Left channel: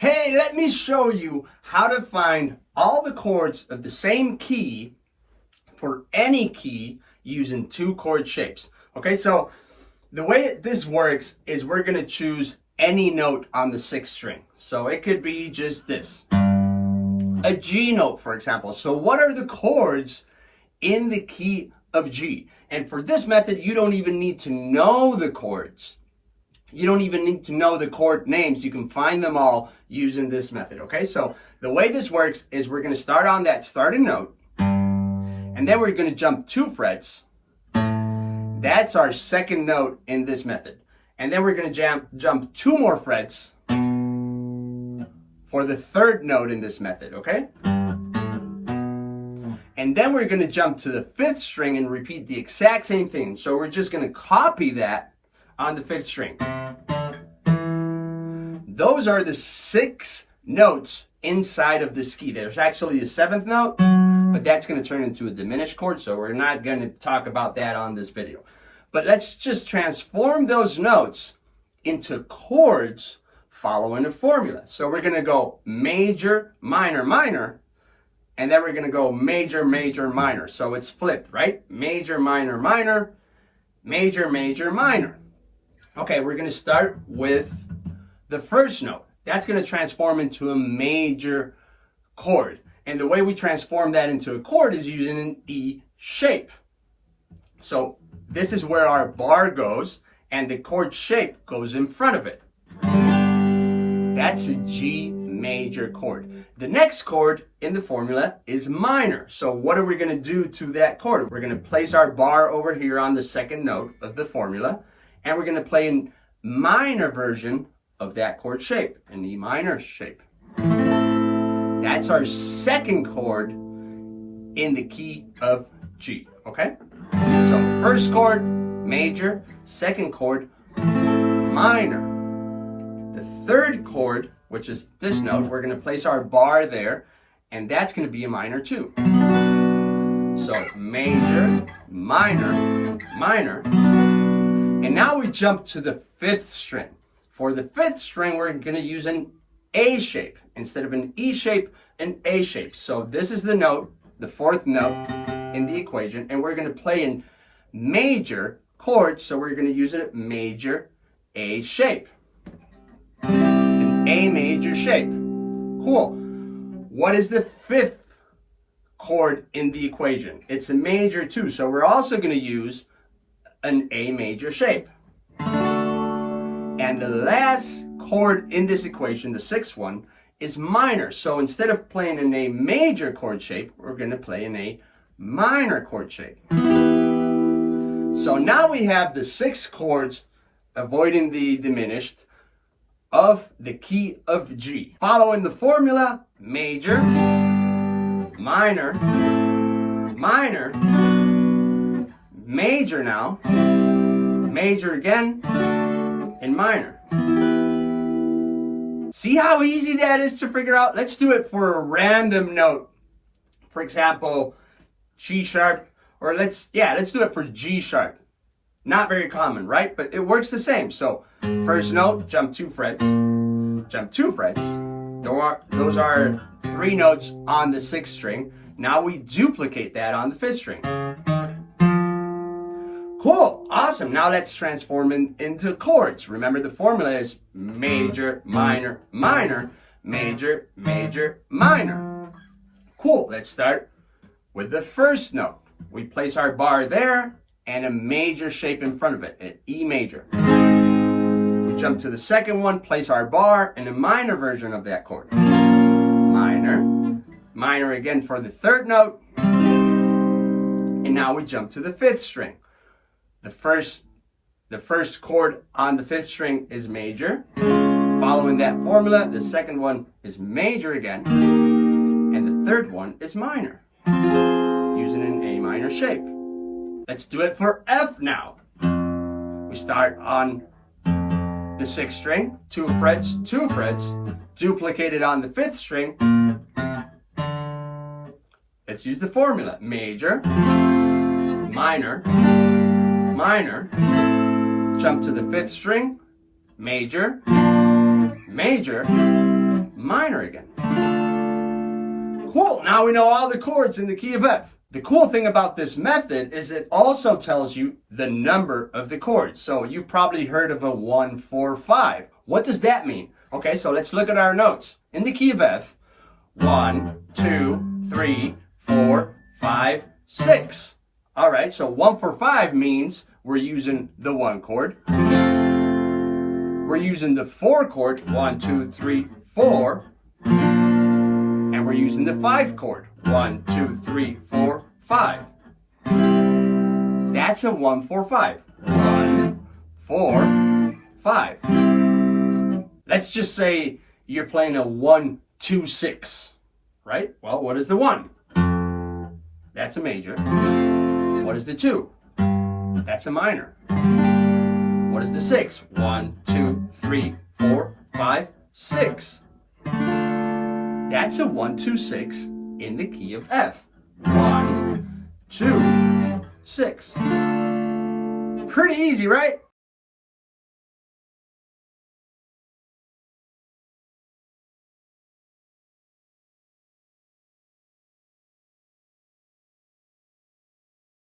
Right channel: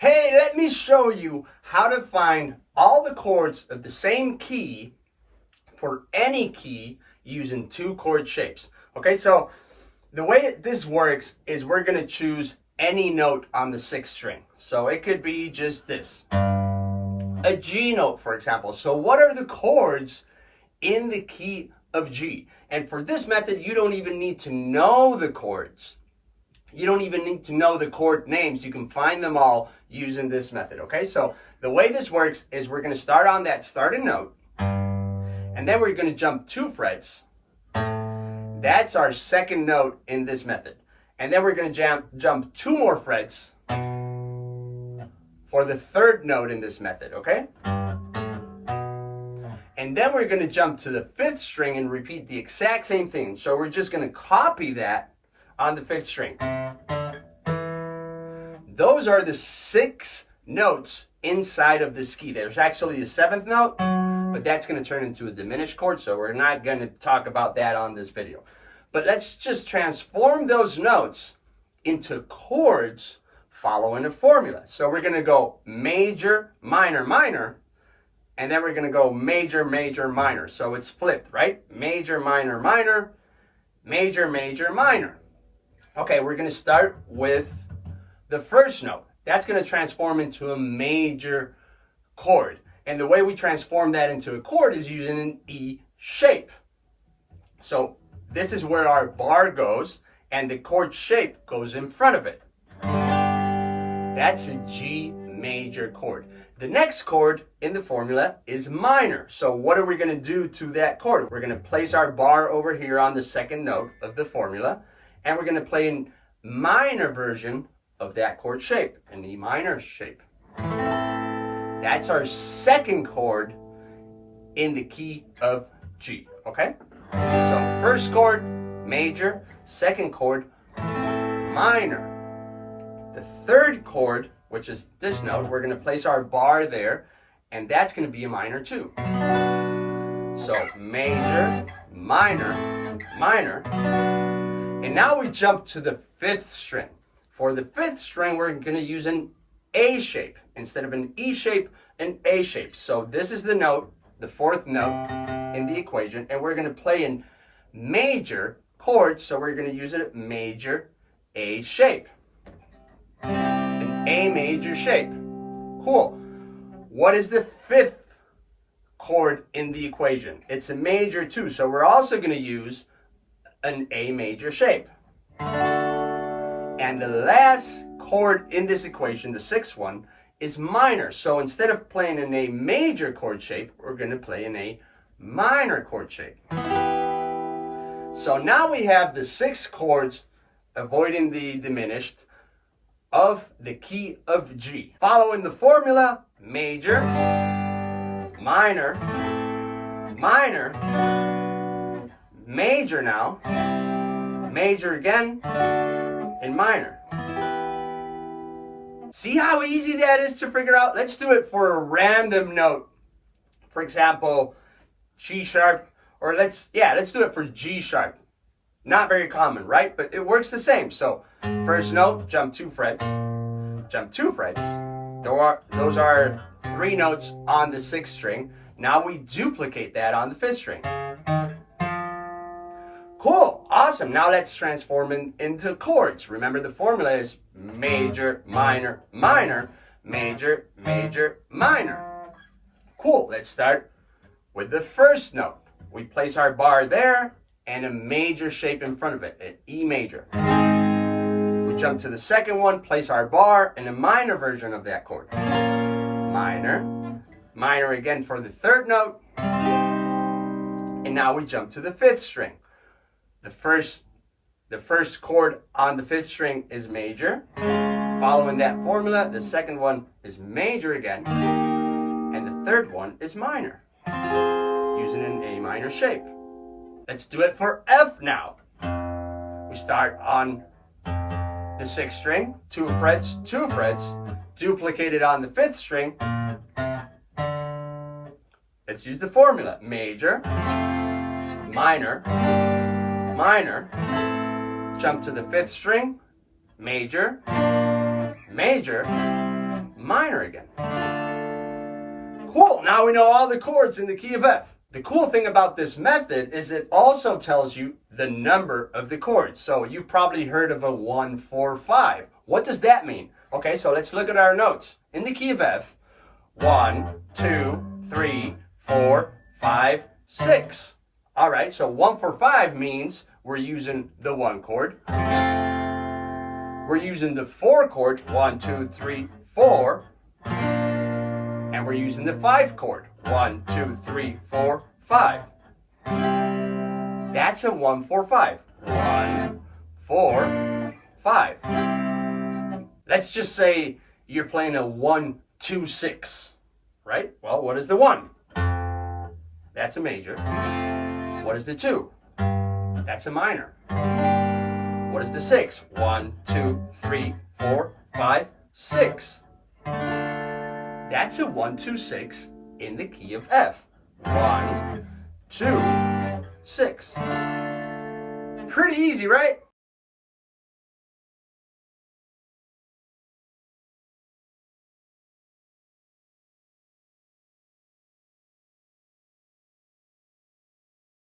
Hey, let me show you how to find all the chords of the same key for any key using two chord shapes. Okay, so the way this works is we're going to choose any note on the sixth string. So it could be just this, a G note, for example. So what are the chords in the key of G? And for this method, you don't even need to know the chords. You don't even need to know the chord names. You can find them all using this method, okay? So the way this works is we're going to start on that starting note, and then we're going to jump 2 frets. That's our second note in this method. And then we're going to jump 2 more frets for the third note in this method, okay? And then we're going to jump to the 5th string and repeat the exact same thing. So we're just going to copy that on the 5th string. Those are the 6 notes inside of this key. There's actually a 7th note, but that's going to turn into a diminished chord, so we're not going to talk about that on this video. But let's just transform those notes into chords following a formula. So we're going to go major, minor, minor, and then we're going to go major, major, minor. So it's flipped, right? Major, minor, minor, major, major, minor. Okay, we're going to start with the first note. That's going to transform into a major chord. And the way we transform that into a chord is using an E shape. So this is where our bar goes, and the chord shape goes in front of it. That's a G major chord. The next chord in the formula is minor. So what are we going to do to that chord? We're going to place our bar over here on the second note of the formula, and we're going to play a minor version of that chord shape, an E minor shape. That's our second chord in the key of G, okay? So first chord, major, second chord, minor. The third chord, which is this note, we're going to place our bar there, and that's going to be a minor too. So major, minor, minor. And now we jump to the 5th string. For the 5th string, we're going to use an A shape. Instead of an E shape, an A shape. So this is the note, the 4th note in the equation, and we're going to play in major chords, so we're going to use a major A shape. An A major shape. Cool. What is the 5th chord in the equation? It's a major too, so we're also going to use an A major shape. And the last chord in this equation, the 6th one, is minor. So instead of playing in a major chord shape, we're going to play in a minor chord shape. So now we have the 6 chords, avoiding the diminished, of the key of G. Following the formula, major, minor, minor, major now, major again, and minor. See how easy that is to figure out? Let's do it for a random note. For example, G sharp, or let's do it for G sharp. Not very common, right? But it works the same. So first note, jump 2 frets, jump 2 frets. Those are 3 notes on the 6th string. Now we duplicate that on the 5th string. Cool, awesome. Now let's transform into chords. Remember, the formula is major, minor, minor, major, major, minor. Cool, let's start with the first note. We place our bar there and a major shape in front of it, an E major. We jump to the second one, place our bar and a minor version of that chord. Minor, minor again for the 3rd note. And now we jump to the 5th string. The first chord on the 5th string is major. Following that formula, the second one is major again, and the 3rd one is minor, using an A minor shape. Let's do it for F now. We start on the 6th string, 2 frets, 2 frets, duplicate it on the 5th string. Let's use the formula, major, minor, minor, jump to the 5th string, major, major, minor again. Cool, now we know all the chords in the key of F. The cool thing about this method is it also tells you the number of the chords. So you've probably heard of a 1, 4, 5. What does that mean? Okay, so let's look at our notes. In the key of F, 1, 2, 3, 4, 5, 6. All right, so 1, 4, 5 means we're using the 1 chord. We're using the 4 chord, 1, 2, 3, 4. And we're using the 5 chord, 1, 2, 3, 4, 5. That's a 1, 4, 5. 1, 4, 5. Let's just say you're playing a 1, 2, 6, right? Well, what is the 1? That's a major. What is the 2? That's a minor. What is the 6? 1, 2, 3, 4, 5, 6. That's a 1, 2, 6 in the key of F. 1, 2, 6. Pretty easy, right?